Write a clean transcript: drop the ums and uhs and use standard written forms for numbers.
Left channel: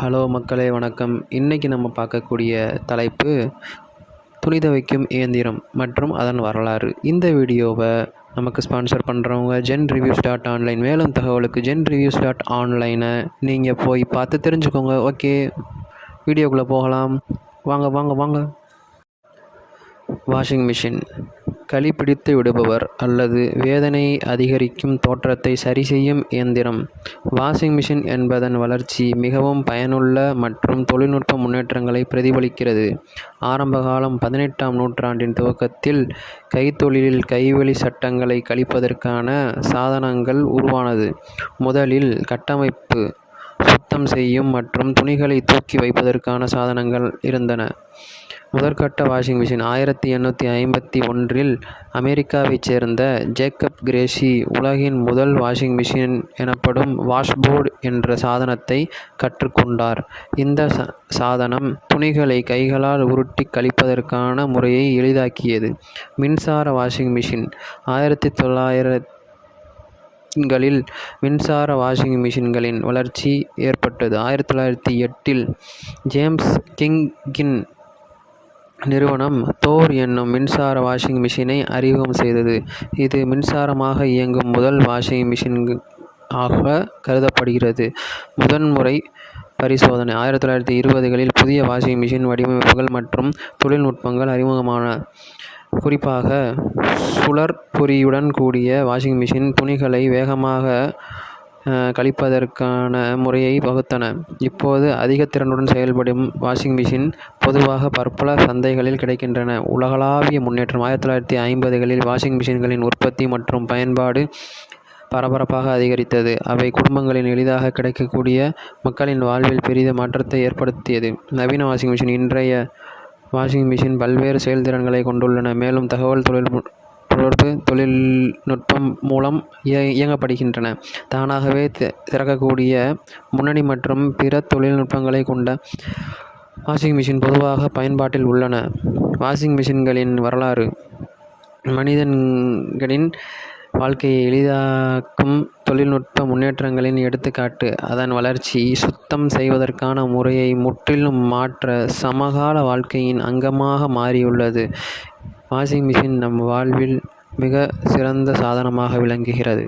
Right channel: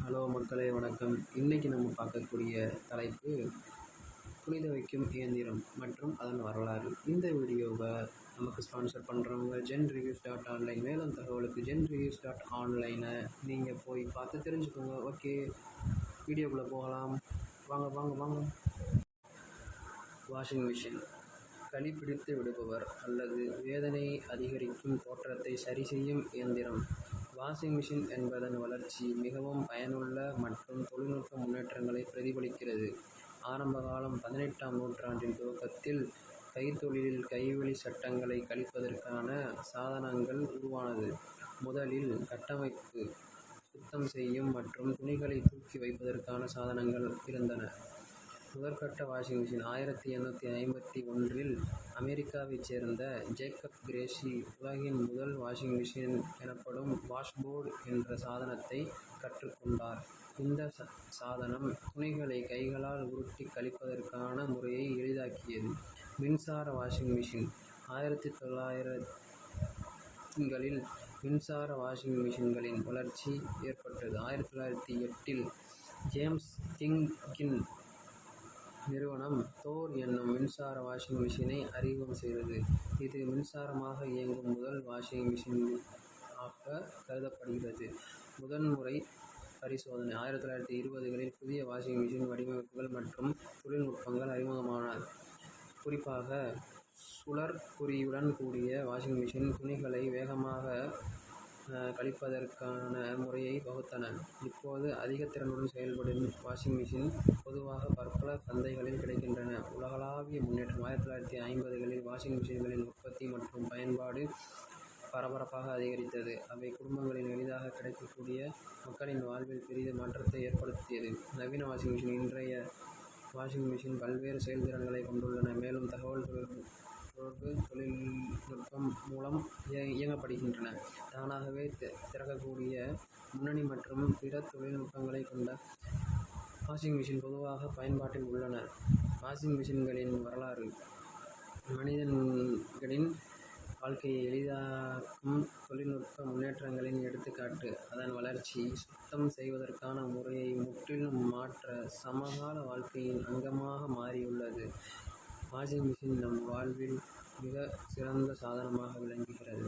Hello மக்களே வணக்கம். இன்றைக்கி நம்ம பார்க்கக்கூடிய தலைப்பு துணி துவைக்கும் இயந்திரம் மற்றும் அதன் வரலாறு. இந்த வீடியோவை நமக்கு ஸ்பான்சர் பண்ணுறவங்க genreviews.online. மேலும் தகவலுக்கு genreviews.online நீங்கள் போய் பார்த்து தெரிஞ்சுக்கோங்க. ஓகே, வீடியோக்குள்ளே போகலாம். வாங்க வாங்க வாங்க. வாஷிங் மிஷின் களி பிடித்து விடுபவர் அல்லது வேதனை அதிகரிக்கும் தோற்றத்தை சரி செய்யும் இயந்திரம். வாஷிங் மிஷின் என்பதன் வளர்ச்சி மிகவும் பயனுள்ள மற்றும் தொழில்நுட்ப முன்னேற்றங்களை பிரதிபலிக்கிறது. ஆரம்ப காலம் 18ஆம் நூற்றாண்டின் துவக்கத்தில் கைத்தொழிலில் கைவழி சட்டங்களை கழிப்பதற்கான சாதனங்கள் உருவானது. முதலில் கட்டமைப்பு, சுத்தம் செய்யும் மற்றும் துணிகளை தூக்கி வைப்பதற்கான சாதனங்கள் இருந்தன. முதற்கட்ட வாஷிங் மிஷின் 1851இல் அமெரிக்காவைச் சேர்ந்த ஜேக்கப் கிரேசி உலகின் முதல் வாஷிங் மிஷின் எனப்படும் வாஷ்போர்டு என்ற சாதனத்தை கற்றுக்கொண்டார். இந்த சாதனம் துணிகளை கைகளால் உருட்டி கழிப்பதற்கான முறையை எளிதாக்கியது. மின்சார வாஷிங் மிஷின் 1900களில் மின்சார வாஷிங் மிஷின்களின் வளர்ச்சி ஏற்பட்டது. 1908இல் ஜேம்ஸ் கிங்கின் நிறுவனம் தோர் என்னும் மின்சார வாஷிங் மிஷினை அறிமுகம் செய்தது. இது மின்சாரமாக இயங்கும் முதல் வாஷிங் மிஷின் ஆக கருதப்படுகிறது. முதன்முறை பரிசோதனை 1920களில் புதிய வாஷிங் மிஷின் வடிவமைப்புகள் மற்றும் தொழில்நுட்பங்கள் அறிமுகமான. குறிப்பாக சுழற்பொறியுடன் கூடிய வாஷிங் மிஷின் துணிகளை வேகமாக கழிப்பதற்கான முறையை வகுத்தன. இப்போது அதிக திறனுடன் செயல்படும் வாஷிங் மிஷின் பொதுவாக பற்பல சந்தைகளில் கிடைக்கின்றன. உலகளாவிய முன்னேற்றம் 1950களில் வாஷிங் மிஷின்களின் உற்பத்தி மற்றும் பயன்பாடு பரபரப்பாக அதிகரித்தது. அவை குடும்பங்களில் எளிதாக கிடைக்கக்கூடிய மக்களின் வாழ்வில் பெரிய மாற்றத்தை ஏற்படுத்தியது. நவீன வாஷிங் மிஷின் இன்றைய வாஷிங் மிஷின் பல்வேறு செயல்திறன்களை கொண்டுள்ளன, மேலும் தகவல் தொடர்பு தொழில்நுட்பம் மூலம் இயங்கப்படுகின்றன. தானாகவே திறக்கக்கூடிய முன்னணி மற்றும் பிற தொழில்நுட்பங்களை கொண்ட வாஷிங் மிஷின் பொதுவாக பயன்பாட்டில் உள்ளன. வாஷிங் மிஷின்களின் வரலாறு மனிதர்களின் வாழ்க்கையை எளிதாக்கும் தொழில்நுட்ப முன்னேற்றங்களின் எடுத்துக்காட்டு. அதன் வளர்ச்சி சுத்தம் செய்வதற்கான முறையை முற்றிலும் மாற்ற சமகால வாழ்க்கையின் அங்கமாக மாறியுள்ளது. வாஷிங் மிஷின் நம் வாழ்வில் மிக சிறந்த சாதனமாக விளங்குகிறது.